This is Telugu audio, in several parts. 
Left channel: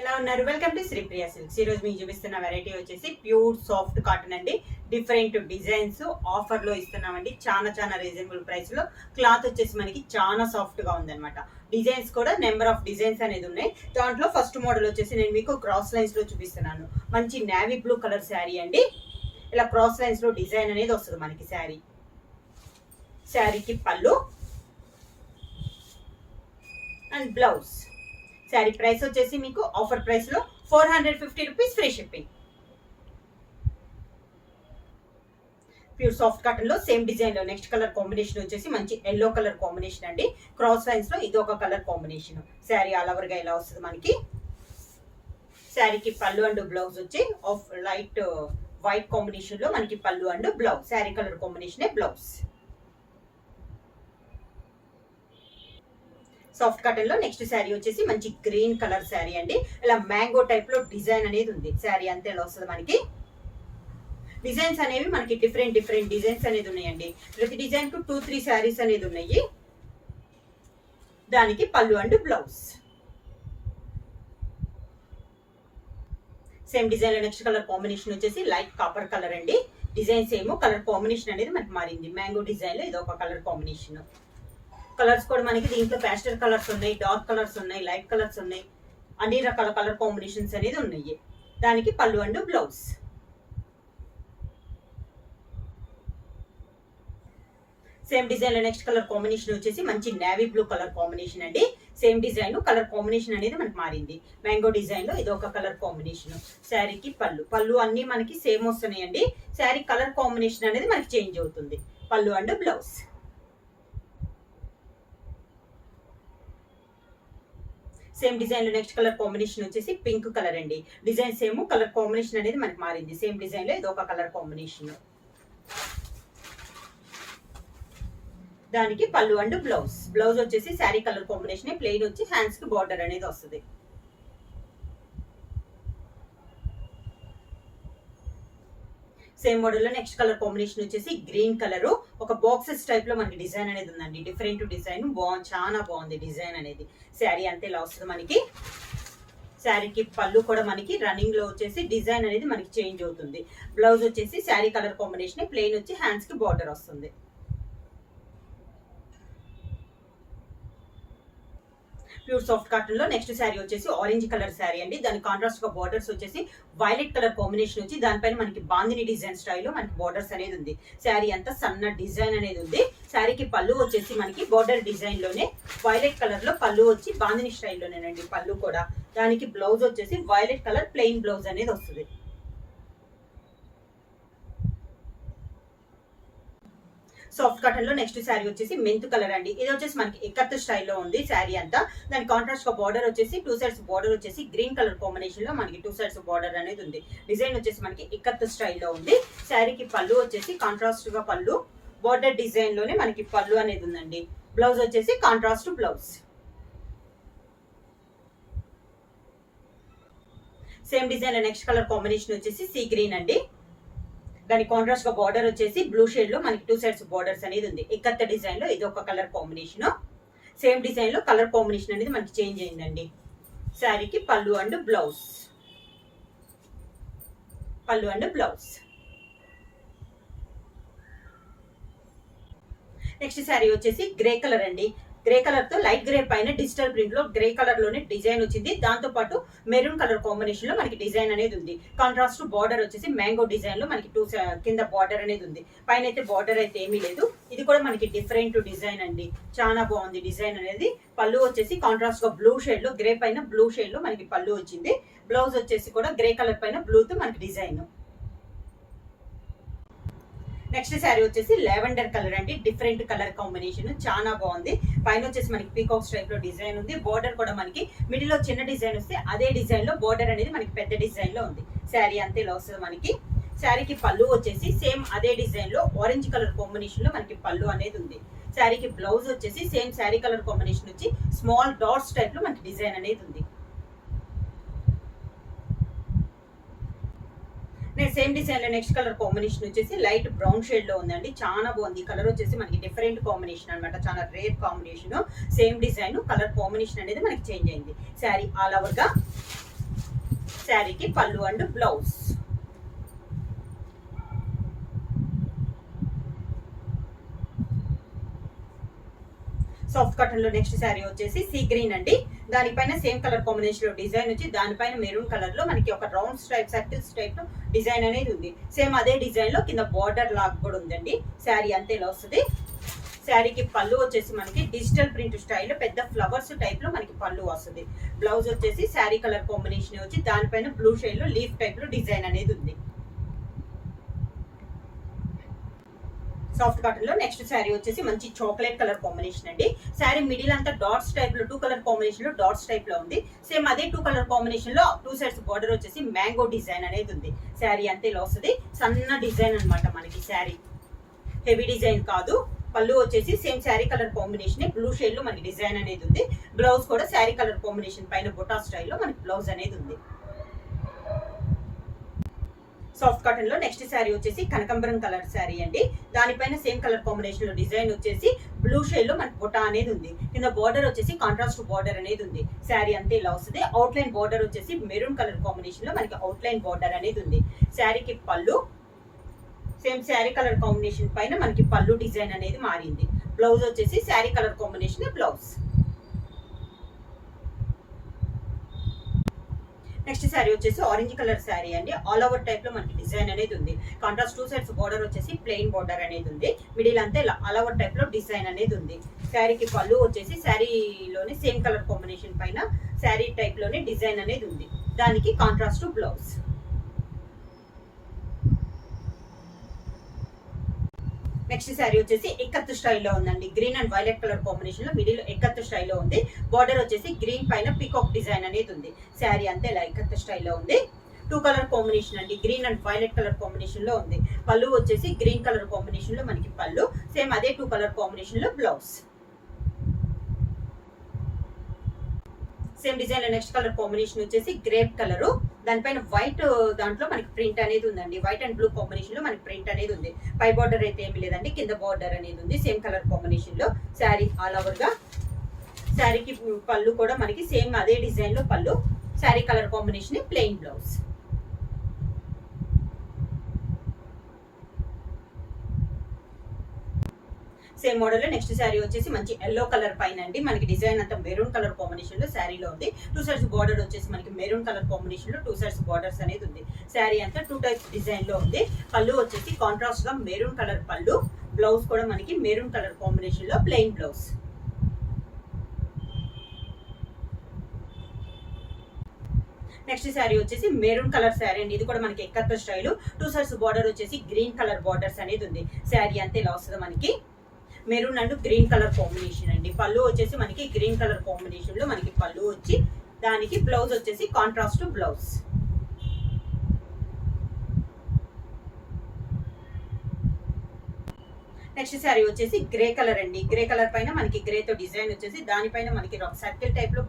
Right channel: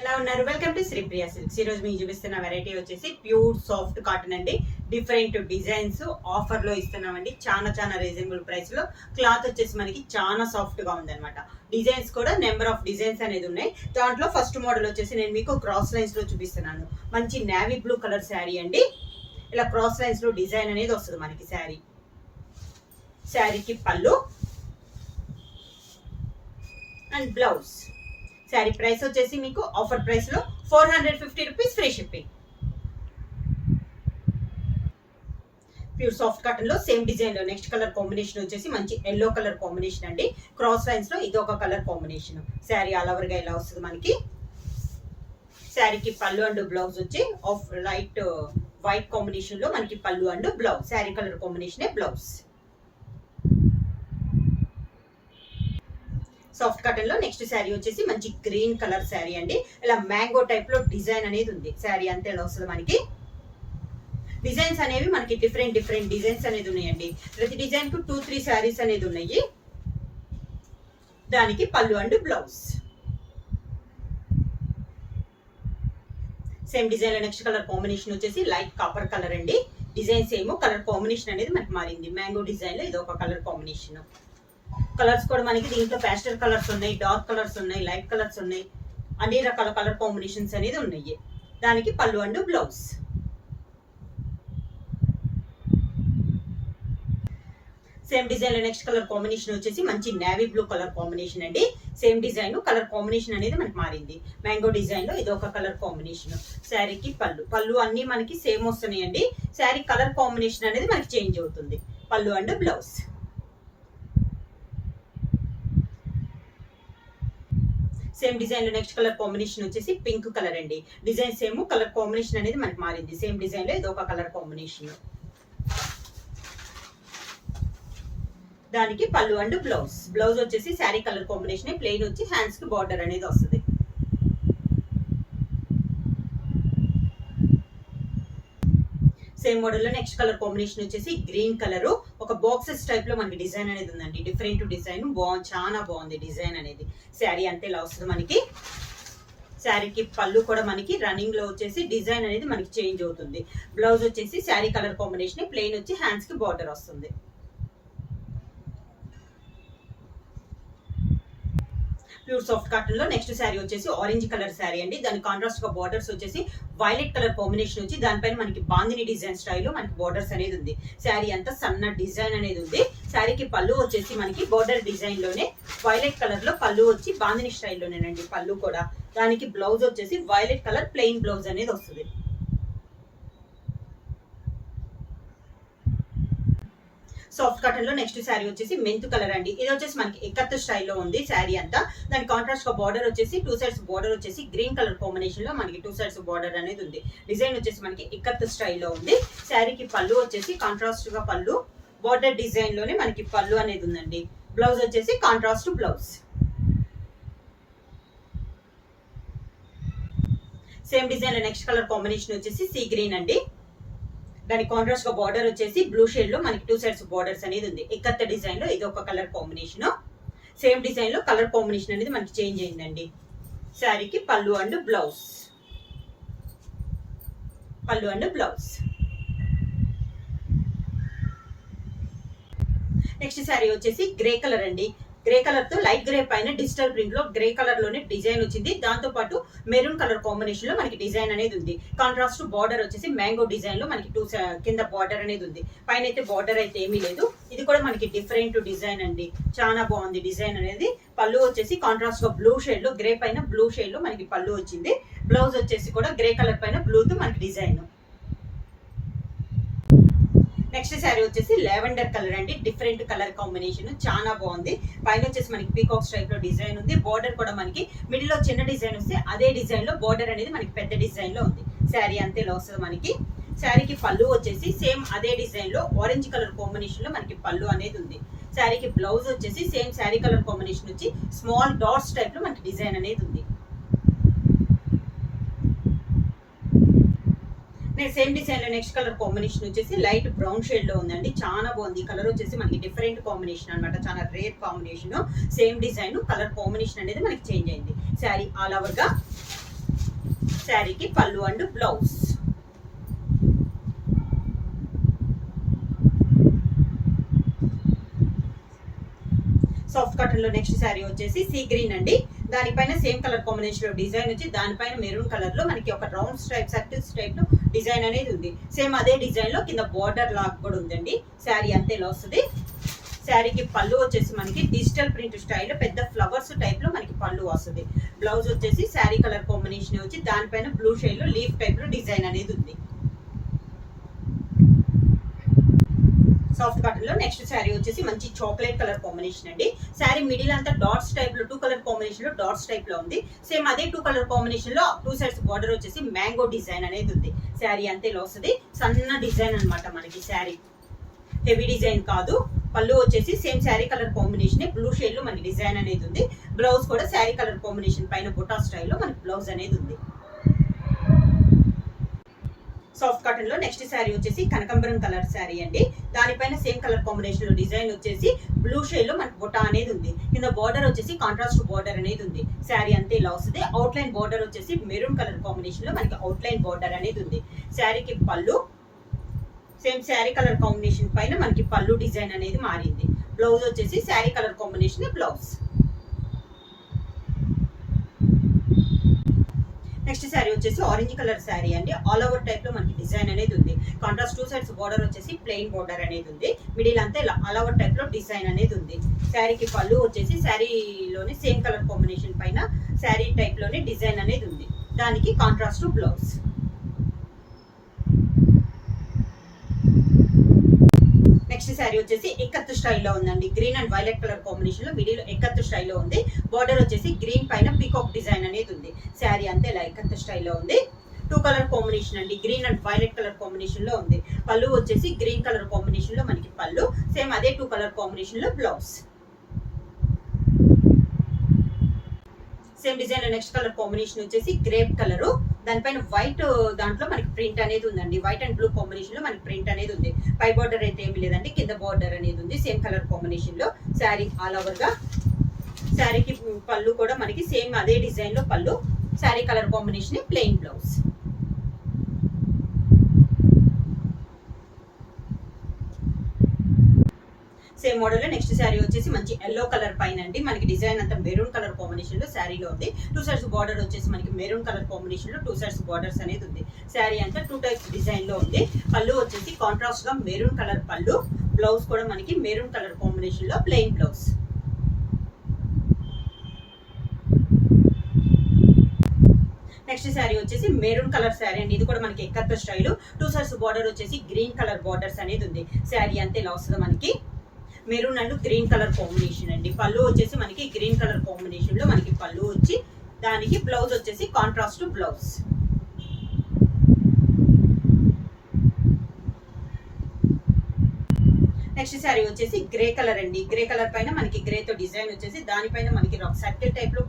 ఎలా ఉన్నారు? Welcome to Sripriya silks. ఈ రోజు మీకు చూపిస్తున్న వెరైటీ వచ్చేసి ప్యూర్ సాఫ్ట్ కాటన్ అండి. డిఫరెంట్ డిజైన్స్ ఆఫర్ లో ఇస్తున్నామండి. చాలా రీజనబుల్ ప్రైస్ లో. క్లాత్ వచ్చేసి మనకి చాలా సాఫ్ట్ గా ఉందన్నమాట. డిజైన్స్ కూడా నెంబర్ ఆఫ్ డిజైన్స్ అనేది ఉన్నాయి. దాంట్లో ఫస్ట్ మోడల్ వచ్చేసి నేను మీకు క్రాస్ లైన్స్ లో చూపిస్తున్నాను. మంచి నేవీ బ్లూ కలర్ శారీ అండి. ఇలా క్రాస్ లైన్స్ లో డిజైన్ అనేది వస్తుంది మనకి. శారీకి పళ్ళు అండ్ బ్లౌజ్. శారీ ప్రైస్ వచ్చేసి మీకు ఆఫర్ ప్రైస్ లో 450 rupees, free shipping. Pure soft cotton లో సేమ్ డిజైన్ లో నెక్స్ట్ కలర్ కాంబినేషన్ వచ్చేసి మంచి ఎల్లో కలర్ కాంబినేషన్ అండి. క్రాస్ లైన్స్ లో ఇది ఒక colour combination. Sari all over గా ఇలా వస్తుంది మనకి. శారీకి పళ్ళు అండ్ బ్లౌజ్ వచ్చి ఆఫ్ లైట్ వైట్ కాంబినేషన్ లో మనకి పళ్ళు and blouse. Sari colour combination blouse. Soft cotton లో నెక్స్ట్ శారీ వచ్చేసి మంచి గ్రీన్ కలర్ శారీ అండి. ఇలా మ్యాంగో టైప్ లో డిజైన్ అనేది ఉంది. శారీ అంతే ఇలా వస్తుంది మనకి. డిజైన్స్ అనేవి మనకి డిఫరెంట్ డిజైన్స్ అనేది ఉన్నాయండి. ప్రతి డిజైన్ కు 2-3 శారీస్ అనేది ఉన్నాయి. దానికి పళ్ళు అండ్ బ్లౌజ్. సేమ్ డిజైన్ లో నెక్స్ట్ కలర్ కాంబినేషన్ వచ్చేసి లైట్ కాపర్ కలర్ అండి. డిజైన్స్ ఏమో కలర్ కాంబినేషన్ అనేది మనకి మారింది. మ్యాంగో డిజైన్ లో ఇది ఒక కలర్ కాంబినేషన్. కలర్స్ కూడా మనకి దీంట్లో ప్యాస్టల్ కలర్స్ ఉన్నాయి, డార్క్ కలర్స్ ఉన్నాయి, లైట్ కలర్స్ ఉన్నాయి. అన్ని రకాల కలర్ కాంబినేషన్స్ అనేది ఉన్నాయి. దానికి పళ్ళు అండ్ బ్లౌజ్. సేమ్ డిజైన్ లో నెక్స్ట్ కలర్ కాంబినేషన్ వచ్చేసి మంచి నేవీ బ్లూ కలర్ కాంబినేషన్ అండి. సేమ్ డిజైన్ కలర్ కాంబినేషన్ అనేది మనకి మారింది. మ్యాంగో డిజైన్ లో ఇది ఒక కలర్ కాంబినేషన్. శారీకి పళ్ళు అన్ని మనకి సేమ్ వస్తున్నాయండి. శారీ కలర్ కాంబినేషన్ అనేది మనకి చేంజ్ అవుతుంది. పళ్ళు అండ్ బ్లౌజ్. సేమ్ డిజైన్ లో నెక్స్ట్ కలర్ కాంబినేషన్ వచ్చేసి పింక్ కలర్ అండి. డిజైన్ సేమ్ కలర్ కాంబినేషన్ అనేది మనకి మారింది. సేమ్ డిజైన్ లో ఇది ఒక కలర్ కాంబినేషన్. దానికి పళ్ళు అండ్ బ్లౌజ్. బ్లౌజ్ వచ్చేసి శారీ కలర్ కాంబినేషన్ ప్లెయిన్ వచ్చి హ్యాండ్స్ కి బార్డర్ అనేది వస్తుంది. సేమ్ మోడల్ లో నెక్స్ట్ కలర్ కాంబినేషన్ వచ్చేసి గ్రీన్ కలర్. ఒక బాక్సెస్ టైప్ లో మనకి డిజైన్ అనేది ఉందండి. డిఫరెంట్ డిజైన్ చాలా బాగుంది డిజైన్ అనేది. శారీ అంతే ఇలా వస్తుంది మనకి. శారీకి పళ్ళు కూడా మనకి రన్నింగ్ లో వచ్చేసి డిజైన్ అనేది మనకి చేంజ్ అవుతుంది. బ్లౌజ్ వచ్చేసి శారీ కలర్ కాంబినేషన్ ప్లెయిన్ వచ్చి హ్యాండ్స్ కి బార్డర్ వస్తుంది. ప్యూర్ సాఫ్ట్ కాటన్ లో నెక్స్ట్ శారీ వచ్చేసి ఆరెంజ్ కలర్ శారీ అండి. దాని కాంట్రాస్ట్ గా బార్డర్స్ వచ్చేసి వైలెట్ కలర్ కాంబినేషన్ వచ్చి దానిపైన మనకి బాందిని డిజైన్ స్టైల్లో మనకి బార్డర్స్ అనేది ఉంది. శారీ అంతా సన్న డిజైన్ అనేది ఉంది. శారీకి పళ్ళు వచ్చేసి మనకి బార్డర్ డిజైన్ లోనే వైలెట్ కలర్ లో పళ్ళు వచ్చి బాందిని స్టైల్లోనేనండి పళ్ళు కూడా. దానికి బ్లౌజ్ వచ్చేసి వైలెట్ కలర్ ప్లెయిన్ బ్లౌజ్ అనేది వస్తుంది. సాఫ్ట్ కాటన్ లో నెక్స్ట్ శారీ వచ్చేసి మెంతు కలర్ అండి. ఇది వచ్చేసి మనకి ఎక్కత్ స్టైల్లో ఉంది శారీ అంతా. దాని కాంట్రాస్ట్ గా బార్డర్ వచ్చేసి 2 సైడ్స్ బార్డర్ వచ్చేసి గ్రీన్ కలర్ కాంబినేషన్ లో మనకి 2 సైడ్స్ బార్డర్ అనేది ఉంది. డిజైన్ వచ్చేసి మనకి ఎక్కత్ స్టైల్లో ఉంది. శారీకి పళ్ళు వచ్చేసి కాంట్రాస్ట్ గా పళ్ళు బార్డర్ డిజైన్ లోనే మనకి పళ్ళు అనేది ఉందండి. బ్లౌజ్ వచ్చేసి కాంట్రాస్ట్ బ్లౌజ్. సేమ్ డిజైన్ లో నెక్స్ట్ కలర్ కాంబినేషన్ వచ్చేసి సీ గ్రీన్ అండి. దాని కాంట్రాస్ట్ గా బార్డర్ వచ్చేసి బ్లూ షేడ్ లో మనకి 2 సైడ్స్ బార్డర్స్ అనేది ఉంది. ఎక్కత్త డిజైన్ లో ఇది ఒక కలర్ కాంబినేషన్. సేమ్ డిజైన్ లో కలర్ కాంబినేషన్ అనేది మనకి చేంజ్ అయిందండి. శారీకి పళ్ళు అండ్ బ్లౌజ్. పళ్ళు అండ్ బ్లౌజ్. నెక్స్ట్ శారీ వచ్చేసి గ్రే కలర్ అండి. గ్రే కలర్ తో లైట్ గ్రే పైన డిజిటల్ ప్రింట్ లో గ్రే కలర్ లోనే డిజైన్ వచ్చింది. దాంతో పాటు మెరూన్ కలర్ కాంబినేషన్ లో మనకి డిజైన్ అనేది ఉంది. కాంట్రాస్ట్ బార్డర్ వచ్చేసి మ్యాంగో డిజైన్ లో మనకి 2 కింద బార్డర్ అనేది ఉంది. పైన అయితే బార్డర్ అయితే ఏమీ లేదు. ఇది కూడా మనకి డిఫరెంట్ డిజైన్ అండి. చాలా బాగుంది డిజైన్ అనేది. పళ్ళు వచ్చేసి కాంట్రాస్ట్ గా బ్లూ షేడ్ లో గ్రే పైన బ్లూ షేడ్ లో మనకి పళ్ళు వచ్చింది. బ్లౌజ్ వచ్చేసి కూడా గ్రే కలర్ పైన బ్లూ తో మనకి డిజైన్. నెక్స్ట్ శారీ వచ్చేసి లావెండర్ కలర్ అండి. డిఫరెంట్ కలర్ కాంబినేషన్ చాలా బాగుంది. పైన వచ్చేసి మనకి పీకాక్స్ టైప్ లో డిజైన్ ఉంది. బార్డర్ కూడా మనకి మిడిల్ లో చిన్న డిజైన్ వస్తే అదే డిజైన్ లో బార్డర్ అనేది మనకి పెద్ద డిజైన్ లో ఉంది. శారీ అంతే ఇలా వస్తుంది మనకి. శారీకి పళ్ళు వచ్చేసి సేమ్ అదే డిజైన్ లో ఆరెంజ్ కలర్ కాంబినేషన్ లో మనకి పళ్ళు అనేది ఉంది. శారీకి బ్లౌజ్ వచ్చేసి సేమ్ శారీ కలర్ కాంబినేషన్ వచ్చి స్మాల్ డాట్స్ టైప్ లో మనకి డిజైన్ అనేది ఉంది. సేమ్ డిజైన్ లో నెక్స్ట్ కలర్ కాంబినేషన్ వచ్చేసి లైట్ బ్రౌన్ షేడ్ లో ఉందండి. చాలా బాగుంది. కలర్ వచ్చేసి మనకి డిఫరెంట్ కాంబినేషన్ అనమాట. చాలా rare combination. Same design colour combination అనేది మనకి చేంజ్ అయింది. శారీ ఆల్ ఓవర్ గా శారీకి పళ్ళు అండ్ బ్లౌజ్. సాఫ్ట్ కాటన్ లో నెక్స్ట్ శారీ వచ్చేసి సీ గ్రీన్ అండి. దానిపైన సేమ్ కలర్ కాంబినేషన్ లో డిజైన్ వచ్చి దానిపైన మెరూన్ కలర్ లో మనకి ఒక రౌండ్ స్ట్రైప్ సర్కిల్స్ టైప్ లో డిజైన్ అనేది ఉంది. సేమ్ అదే డిజైన్ లో కింద బార్డర్ లాగా కూడా ఉందండి. శారీ అంతే ఇలా వస్తుంది. శారీకి పళ్ళు వచ్చేసి మనకి డిజిటల్ ప్రింట్ స్టైల్ పెద్ద ఫ్లవర్స్ టైప్ లో మనకి పళ్ళు వస్తుంది. బ్లౌజ్ వచ్చేసి శారీ కలర్ కాంబినేషన్ వచ్చి దానిపైన బ్లూ షేడ్ లో లీఫ్ టైప్ లో డిజైన్ అనేది ఉంది. సాఫ్ట్ కాటన్ లో నెక్స్ట్ శారీ వచ్చేసి మంచి చాక్లెట్ కలర్ కాంబినేషన్ అండి. శారీ మిడిల్ అంతా డాట్స్ టైప్ లో 2 కలర్ కాంబినేషన్ లో డాట్స్ టైప్ లో ఉంది. సేమ్ అదే 2 కలర్ కాంబినేషన్ లో 2 సైడ్స్ బార్డర్ వచ్చేసి మ్యాంగో డిజైన్ అనేది ఉంది. శారీ అంతే ఇలా వస్తుంది. సన్న డిజైన్ అనమాట మనకి. శారీ హెవీ డిజైన్ కాదు. పళ్ళు వచ్చేసి same sari colour combination blue shade లో మనకి డిజైన్ అనేది ఉంది. బ్లౌజ్ కూడా శారీ కలర్ కాంబినేషన్ పైన బొటా స్టైల్లో మనకి బ్లౌజ్ అనేది ఉంది. సాఫ్ట్ కాటన్ లో నెక్స్ట్ శారీ వచ్చేసి కనకంబరం కలర్ శారీ అండి. దానిపైన సేమ్ కలర్ కాంబినేషన్ లో డిజైన్ వచ్చేసి బ్లూ షేడ్ లో మనకి బొటా అనేది ఉంది. కింద బార్డర్ వచ్చేసి కాంట్రాస్ట్ బార్డర్ అనేది ఉంది. శారీ అంతే ఇలా వస్తుంది. అవుట్ లైన్ బార్డర్ వచ్చేసి మెరూన్ కలర్ కాంబినేషన్ లో మనకి అవుట్ లైన్ బార్డర్ అనేది ఉంది. శారీకి పళ్ళు సేమ్ శారీ కలర్ కాంబినేషన్ పైన మనకి పళ్ళు డిజైన్ అనేది మారింది. బ్లౌజ్ వచ్చేసి sari colour combination blouse. Next sari వచ్చేసి ఆరెంజ్ కలర్ శారీ అండి. ఆల్ ఓవర్ టైప్ లో మనకి డిజైన్ అనేది ఉంది. కాంట్రాస్ట్ 2 సైడ్స్ బార్డర్ వచ్చేసి ప్లెయిన్ బార్డర్ అనేది ఉంది. మిడిల్ అంతా ఇలా ఆల్ ఓవర్ టైప్ లో డిజైన్ అనేది ఉంది. శారీకి పళ్ళు వచ్చేసి శారీలోనే సేమ్ కలర్ కాంబినేషన్ పైన శారీ టైప్ లోనే డిజైన్ అనేది ఉంది. దానికి కాంట్రాస్ట్ బ్లౌజ్. నెక్స్ట్ శారీ వచ్చేసి ఎక్కత్తు స్టైల్లో ఉందండి. Green and violet colour combination లో మిడిల్ ఎక్కత్తు స్టైల్లో ఉంది. బార్డర్ వచ్చేసి గ్రీన్ పైన పీకాక్ డిజైన్ అనేది ఉంది. శారీ అంతే ఇలా ఎక్కత్తు స్టైల్లో ఉంది. 2 కలర్ కాంబినేషన్ అండి. Green and violet colour combination లో ఉంది. పళ్ళు వచ్చేసి గ్రీన్ కలర్ కాంబినేషన్ లో మనకి పళ్ళు. సేమ్ అదే 2 కలర్ కాంబినేషన్ లో బ్లౌజ్. సేమ్ డిజైన్ లో నెక్స్ట్ కలర్ కాంబినేషన్ వచ్చేసి గ్రేప్ కలర్. దానిపైన వైట్ దాంట్లో మనకి ప్రింట్ అనేది ఉందండి. వైట్ అండ్ బ్లూ కాంబినేషన్ లో మనకి ప్రింట్ అనేది ఉంది. పై బార్డర్ అయితే ఏమి లేదండి. కింద బార్డర్ అనేది ఉంది సేమ్ కలర్ కాంబినేషన్ లో. శారీ ఆల్ ఓవర్ గా. శారీకి పళ్ళు కూడా మనకి సేమ్ అదే డిజైన్ లో పళ్ళు. Sari colour combination plain blouse. Same model లో నెక్స్ట్ శారీ వచ్చేసి మంచి ఎల్లో కలర్ పైన అండి. మనకి డిజైన్ అంతా మెరూన్ కలర్ కాంబినేషన్ లో శారీలో ఉంది. 2 సైడ్స్ బార్డర్ వచ్చేసి మనకి మెరూన్ కలర్ కాంబినేషన్ లో 2 సైడ్స్ బార్డర్స్ అనేది ఉంది. శారీ అంతా 2 టైప్స్ డిజైన్ లో ఉంది. పళ్ళు వచ్చేసి కాంట్రాస్ట్ గా మెరూన్ కలర్ పళ్ళు. బ్లౌజ్ కూడా మనకి మెరూన్ కలర్ కాంబినేషన్ లో ప్లెయిన్ బ్లౌజ్. నెక్స్ట్ శారీ వచ్చేసి మెరూన్ కలర్ శారీ అండి. ఇది కూడా మనకి ఎక్కత్త స్టైల్. 2 సైడ్స్ బార్డర్ వచ్చేసి గ్రీన్ కలర్ బార్డర్స్ అనేది ఉంది. శారీ అంతే ఇలా వస్తుంది మనకి. Maroon and green colour combination అండి. పళ్ళు వచ్చేసి మనకి గ్రీన్ కలర్ కాంబినేషన్ లో మనకి పళ్ళు వచ్చి దానికి బ్లౌజ్ వచ్చేసి కాంట్రాస్ట్ బ్లౌజ్. నెక్స్ట్ శారీ వచ్చేసి గ్రే కలర్ అండి. గ్రే కలర్ పైన మనకి గ్రే తో డిజైన్ వచ్చేసి దానిపైన మనకి సర్కిల్ టైప్ లో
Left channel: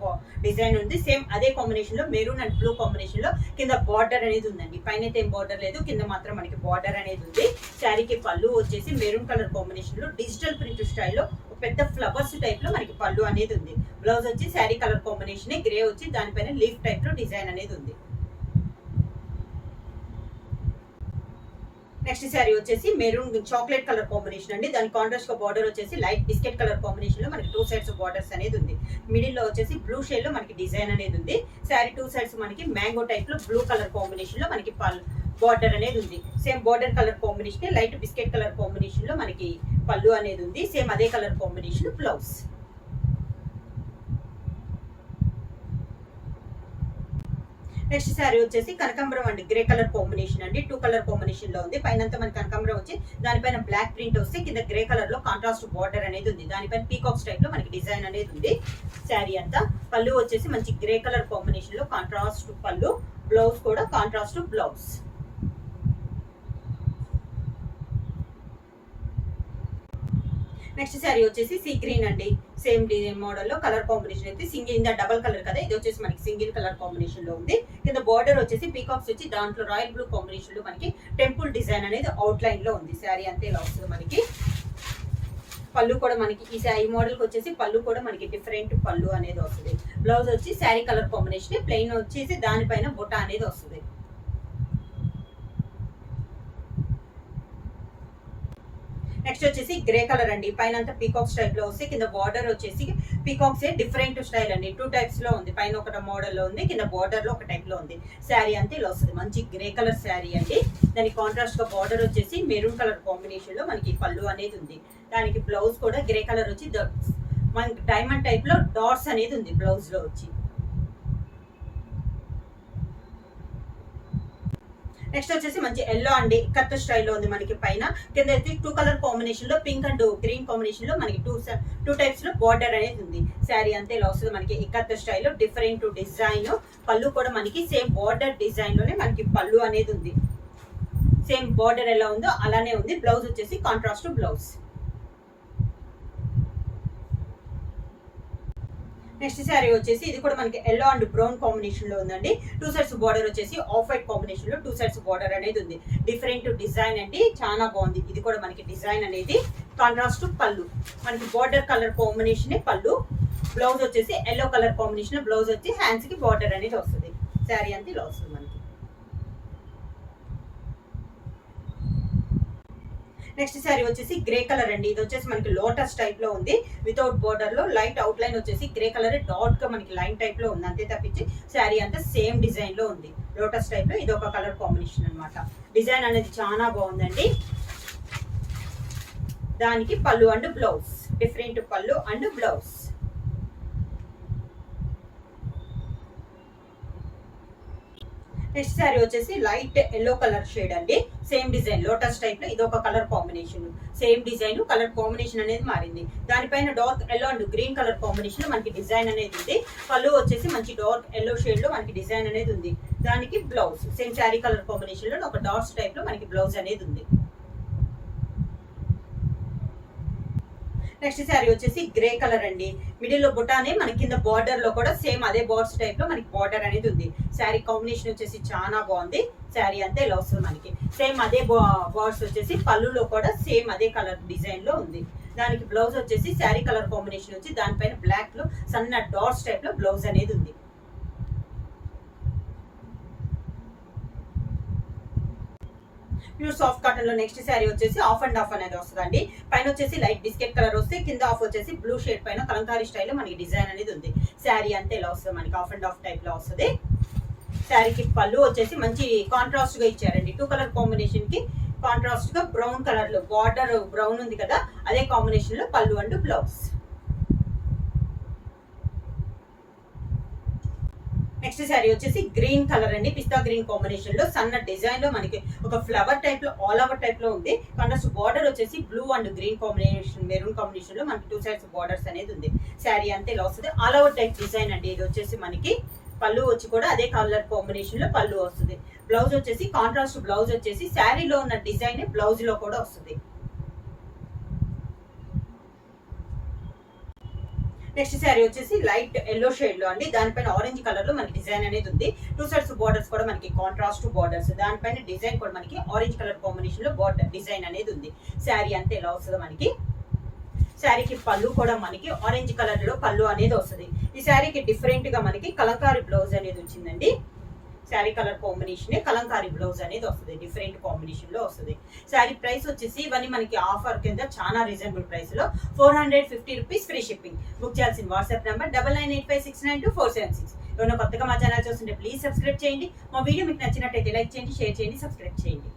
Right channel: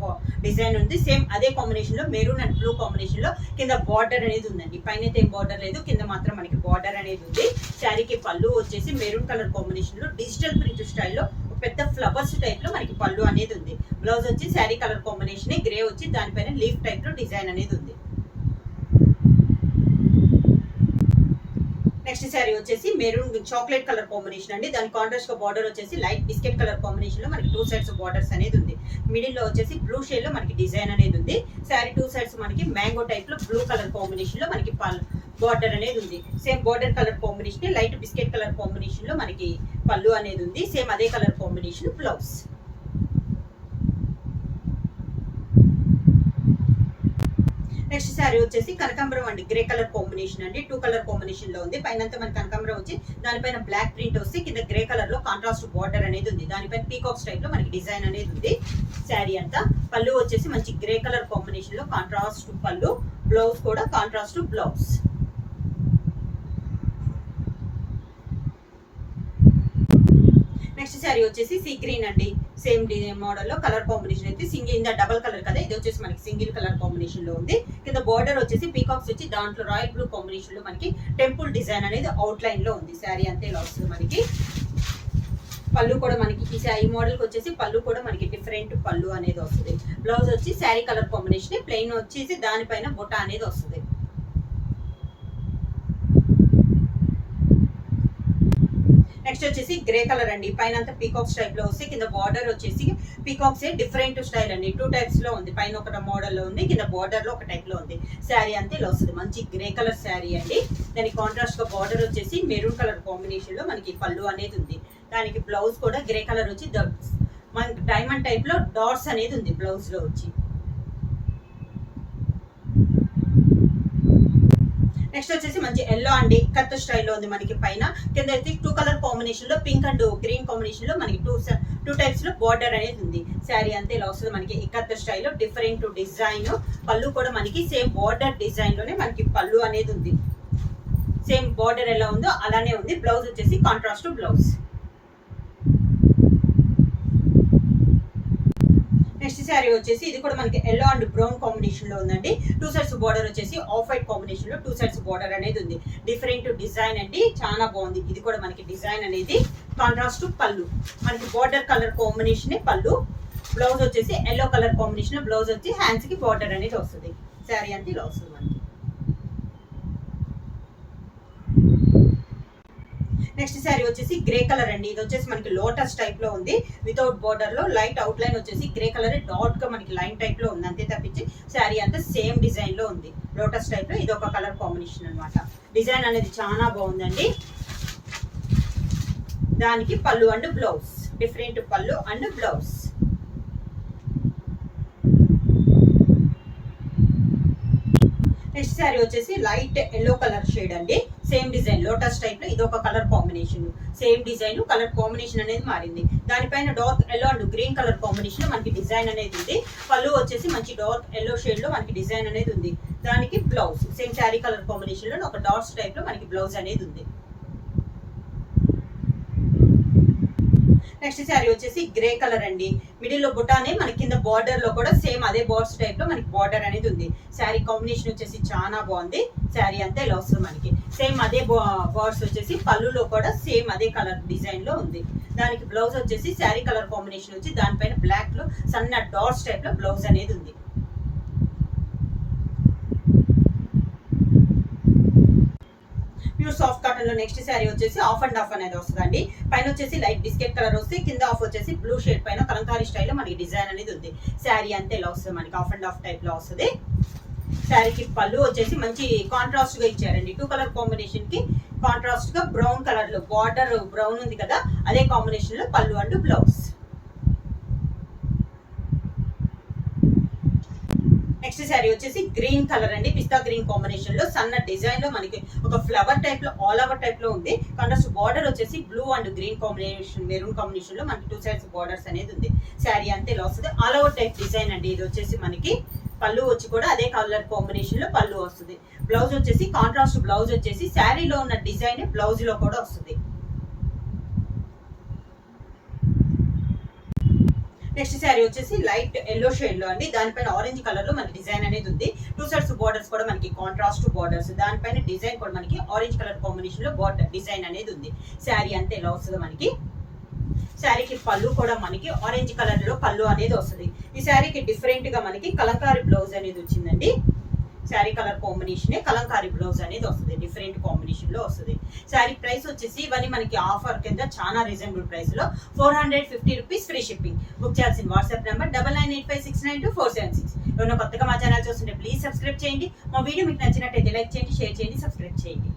డిజైన్ ఉంది. సేమ్ అదే కాంబినేషన్ లో మెరూన్ అండ్ బ్లూ కాంబినేషన్ లో కింద బార్డర్ అనేది ఉందండి. పైన అయితే ఏం బార్డర్ లేదు. కింద మాత్రం మనకి బార్డర్ అనేది ఉంది. శారీకి పళ్ళు వచ్చేసి మెరూన్ కలర్ కాంబినేషన్ లో డిజిటల్ ప్రింట్ స్టైల్లో పెద్ద ఫ్లవర్స్ టైప్ లో మనకి పళ్ళు అనేది ఉంది. బ్లౌజ్ వచ్చి శారీ కలర్ కాంబినేషన్ గ్రే వచ్చి దానిపైన లీఫ్ టైప్ లో డిజైన్ అనేది ఉంది. నెక్స్ట్ శారీ వచ్చేసి మెరూన్ చాక్లెట్ కలర్ కాంబినేషన్ అండి. దాని కాంట్రాస్ట్ గా బార్డర్ వచ్చేసి లైట్ బిస్కెట్ కలర్ కాంబినేషన్ లో మనకి 2 సైడ్స్ బార్డర్స్ అనేది ఉంది. మిడిల్ లో వచ్చేసి బ్లూ షేడ్ లో మనకి డిజైన్ అనేది ఉంది. శారీ 2 సైడ్స్ మనకి మ్యాంగో టైప్ లో బ్లూ కలర్ కాంబినేషన్ లో మనకి బార్డర్ అనేది ఉంది. Same border colour combination light biscuit colour combination లో మనకి పళ్ళు అనేది ఉంది. సేమ్ అదే colour combination blouse. Next sari వచ్చేసి కనకాంబరం అండి. గ్రే కలర్ కాంబినేషన్ అండి. 2 కలర్ కాంబినేషన్ లో ఉంది. పైన మనకి కనకాంబరం వచ్చి దానిపైన బ్లాక్ ప్రింట్ వస్తే కింద గ్రే కలర్ లో కాంట్రాస్ట్ బార్డర్ అనేది ఉంది. దానిపైన పీకాక్స్ టైప్ లో మనకి డిజైన్ అనేది ఉంది. శారీ అంతా పళ్ళు వచ్చేసి మంచి గ్రే కలర్ కాంబినేషన్ లో కాంట్రాస్ట్ పళ్ళు. బ్లౌజ్ కూడా కాంట్రాస్ట్ బ్లౌజ్. నెక్స్ట్ శారీ వచ్చేసి సీ గ్రీన్ అండి. సేమ్ మోడల్ లో కలర్ కాంబినేషన్ అయితే సింగిల్ ఇందా డబల్ కలర్ కదా, ఇది వచ్చేసి మనకి సింగిల్ కలర్ కాంబినేషన్ లో ఉంది. కింద బార్డర్ వచ్చేసి పీకాక్స్ వచ్చి దాంట్లో రాయల్ బ్లూ కాంబినేషన్ లో మనకి టెంపుల్ డిజైన్ అనేది అవుట్ లైన్ లో ఉంది. శారీ అంతే ఇలా వస్తుంది మనకి. పళ్ళు కూడా మనకి ఈ మోడల్ కి వచ్చేసి పళ్ళు కూడా మనకి డిఫరెంట్ పళ్ళు అనేది వస్తుంది. బ్లౌజ్ వచ్చి శారీ కలర్ కాంబినేషన్, ప్లెయిన్ వచ్చేసి దానిపైన బుట్ట అనేది వస్తుంది. నెక్స్ట్ వచ్చేసి గ్రే కలర్ అండి. పైన అంతా పీకాక్స్ టైప్ లో వస్తే కింద బార్డర్ వచ్చేసి పీకాక్స్ డిఫరెంట్ స్టైల్ అండి. 2 టైప్స్ లో ఉంది. పైన ఒక మోడల్ లో ఉంది, కింద బార్డర్ లో ఒక టైప్ లో ఉంది. శారీ అంతా ఇలా వస్తుంది. మంచి గ్రే కలర్ శారీ అండి. దానికి కాంట్రాస్ట్ గా బార్డర్ వచ్చేసి మెరూన్ కలర్ కాంబినేషన్ లో మనకి పళ్ళు అనేది ఉంది. దానికి బ్లౌజ్ కూడా గ్రే కలర్ వచ్చి మనకి డైమండ్ టైప్ లో డాట్స్ అనేది ఉంది బ్లౌజ్ లో వచ్చి. నెక్స్ట్ వచ్చేసి మంచి ఎల్లో అండి, కత్త స్టైల్లో ఉంది మనకి. పైన కింద అయితే 2 కలర్ కాంబినేషన్ లో పింక్ అండ్ గ్రీన్ కాంబినేషన్ లో మనకి టూ టైప్స్ లో బార్డర్ అనేది ఉంది. శారీ అంతే ఇలా వస్తుంది మనకి ఇక్కత్త స్టైల్లో డిఫరెంట్ డిజైన్. పళ్ళు కూడా మనకి సేమ్ బార్డర్ డిజైన్ లోనే మనకి పళ్ళు అనేది ఉంది. సేమ్ బార్డర్ ఎలా ఉందో అలానే ఉంది. బ్లౌజ్ వచ్చేసి కాంట్రాస్ట్ బ్లౌజ్. నెక్స్ట్ శారీ వచ్చేసి ఇది కూడా మనకి ఎల్లో అండ్ బ్రౌన్ కాంబినేషన్ లో ఉందండి. 2 సైడ్స్ బార్డర్ వచ్చేసి ఆఫ్ వైట్ కాంబినేషన్ లో 2 సైడ్స్ బార్డర్ అనేది ఉంది. డిఫరెంట్ డిజైన్ అండి, చాలా బాగుంది. ఇది కూడా మనకి డిజైన్ అనేది కాంట్రాస్ట్ పళ్ళు, మనకి బార్డర్ కలర్ కాంబినేషన్ పళ్ళు. బ్లౌజ్ వచ్చేసి ఎల్లో కలర్ కాంబినేషన్, బ్లౌజ్ వచ్చి హ్యాండ్స్ కి బార్డర్ అనేది వస్తుంది. శారీ అంతా ఇలా వస్తుంది మనకి. నెక్స్ట్ శారీ వచ్చేసి గ్రే కలర్ అండి. ఇది వచ్చేసి మనకి లోటస్ టైప్ లో ఉంది. వితౌట్ బార్డర్ లో లైట్ అవుట్ లైన్ వచ్చేసి గ్రే కలర్ డాట్ గా మనకి లైన్ టైప్ లో ఉంది. అంతే తప్పించి శారీ అంతా సేమ్ డిజైన్ లో ఉంది. లోటస్ టైప్ లో ఇది ఒక కలర్ కాంబినేషన్ అన్నమాట. డిజైన్ అనేది చాలా బాగుందండి. దానికి పళ్ళు అండ్ బ్లౌజ్, డిఫరెంట్ పళ్ళు అండ్ బ్లౌజ్. నెక్స్ట్ శారీ వచ్చేసి లైట్ ఎల్లో కలర్ షేడ్ అండి. సేమ్ డిజైన్ లోటస్ టైప్ లో ఇది ఒక colour combination. Same design, colour combination అనేది మారింది. దానిపైన dark yellow and green colour combination మనకి డిజైన్ అనేది ఉంది. పళ్ళు వచ్చేసి మంచి డార్క్ ఎల్లో షేడ్ లో మనకి డిజైన్ అనేది ఉంది. దానికి blouse same sari colour combination లో ఒక డాట్స్ టైప్ లో మనకి బ్లౌజ్ అనేది ఉంది. నెక్స్ట్ శారీ వచ్చేసి గ్రే కలర్ అండి. మిడిల్ లో బుటానే మనకి కింద బార్డర్ లో కూడా సేమ్ అదే బార్డర్స్ టైప్ లో మనకి బార్డర్ అనేది ఉంది. శారీ కాంబినేషన్ వచ్చేసి చాలా బాగుంది. శారీ అంతా ఇలా వస్తుంది మనకి. సేమ్ అదే బార్డర్స్ వచ్చేసి పళ్ళులో కూడా సేమ్ అదే కలర్ డిజైన్ లో ఉంది. దానికి బ్లౌజ్ వచ్చేసి శారీ కలర్ కాంబినేషన్ వచ్చి దానిపైన బ్లాక్ లో సన్న డాట్స్ టైప్ లో బ్లౌజ్ అనేది ఉంది. ప్యూర్ సాఫ్ట్ కాటన్ లో నెక్స్ట్ శారీ వచ్చేసి ఆఫ్ అండ్ ఆఫ్ అనేది వస్తుందండి. పైన వచ్చేసి లైట్ బిస్కెట్ కలర్ వస్తే కింద ఆఫ్ వచ్చేసి బ్లూ షేడ్ పైన కలంకారీ స్టైల్లో మనకి డిజైన్ అనేది ఉంది. శారీ అంతే ఇలా వస్తుంది మనకి ఆఫ్ అండ్ ఆఫ్ టైప్ లో వస్తుంది. శారీకి పళ్ళు వచ్చేసి మంచి కాంట్రాస్ట్ గా ఇచ్చారండి. 2 కలర్ కాంబినేషన్ కి కాంట్రాస్ట్ గా బ్రౌన్ కలర్ లో బార్డర్ బ్రౌన్ ఉంది కదా, అదే కాంబినేషన్ లో పళ్ళు అండ్ బ్లౌజ్. నెక్స్ట్ శారీ వచ్చేసి గ్రీన్ కలర్ అండి. పిస్తా గ్రీన్ కాంబినేషన్ లో సన్న డిజైన్ లో మనకి ఒక ఫ్లవర్ టైప్ లో ఆల్ ఓవర్ టైప్ లో ఉంది. కాంట్రాస్ట్ బార్డర్ వచ్చేసి blue and green combination maroon combination లో మనకి 2 సైడ్స్ బార్డర్స్ అనేది ఉంది. శారీ అంతే ఇలా వస్తుంది. ఆల్ ఓవర్ టైప్ డిజైన్ అండి. ఇది వచ్చేసి మనకి పళ్ళు వచ్చి కూడా అదే కలర్ కాంబినేషన్ లో పళ్ళు వస్తుంది. బ్లౌజ్ వచ్చేసి కాంట్రాస్ట్ బ్లౌజ్ వచ్చేసి శారీలో ఉన్న డిజైన్ బ్లౌజ్ లో కూడా వస్తుంది. నెక్స్ట్ శారీ వచ్చేసి లైట్ ఎల్లో షేడ్ లో అండి. దానిపైన ఆరెంజ్ కలర్ లో మనకి డిజైన్ అనేది ఉంది. 2 సైడ్స్ బార్డర్స్ కూడా మనకి కాంట్రాస్ట్ బార్డర్స్. దానిపైన డిజైన్ కూడా మనకి ఆరెంజ్ కలర్ కాంబినేషన్ లో బార్డర్ డిజైన్ అనేది ఉంది. శారీ అంతే ఎలా వస్తుంది మనకి. శారీకి పళ్ళు కూడా మనకి ఆరెంజ్ కలర్ లో పళ్ళు అనేది వస్తుంది. ఈ శారీకి డిఫరెంట్ గా మనకి కలంకారీ బ్లౌజ్ అనేది వచ్చిందండి. Sari colour combination Kalamkari blouse అనేది వస్తుంది. డిఫరెంట్ కాంబినేషన్ లో వస్తుంది. శారీ ప్రైస్ వచ్చేసి ఇవన్నీ మనకి ఆఫర్ కింద చాలా రీజనబుల్ ప్రైస్ లో 450 రూపీస్ ఫ్రీ షిప్పింగ్. బుక్ చేయాల్సిన వాట్సాప్ నెంబర్ 9985692476. ఎవరైనా కొత్తగా మా ఛానల్ చూస్తుంటే ప్లీజ్ సబ్స్క్రైబ్ చేయండి. మా వీడియో మీకు నచ్చినట్టయితే లైక్ చేయండి, షేర్ చేయండి, సబ్స్క్రైబ్ చేయండి.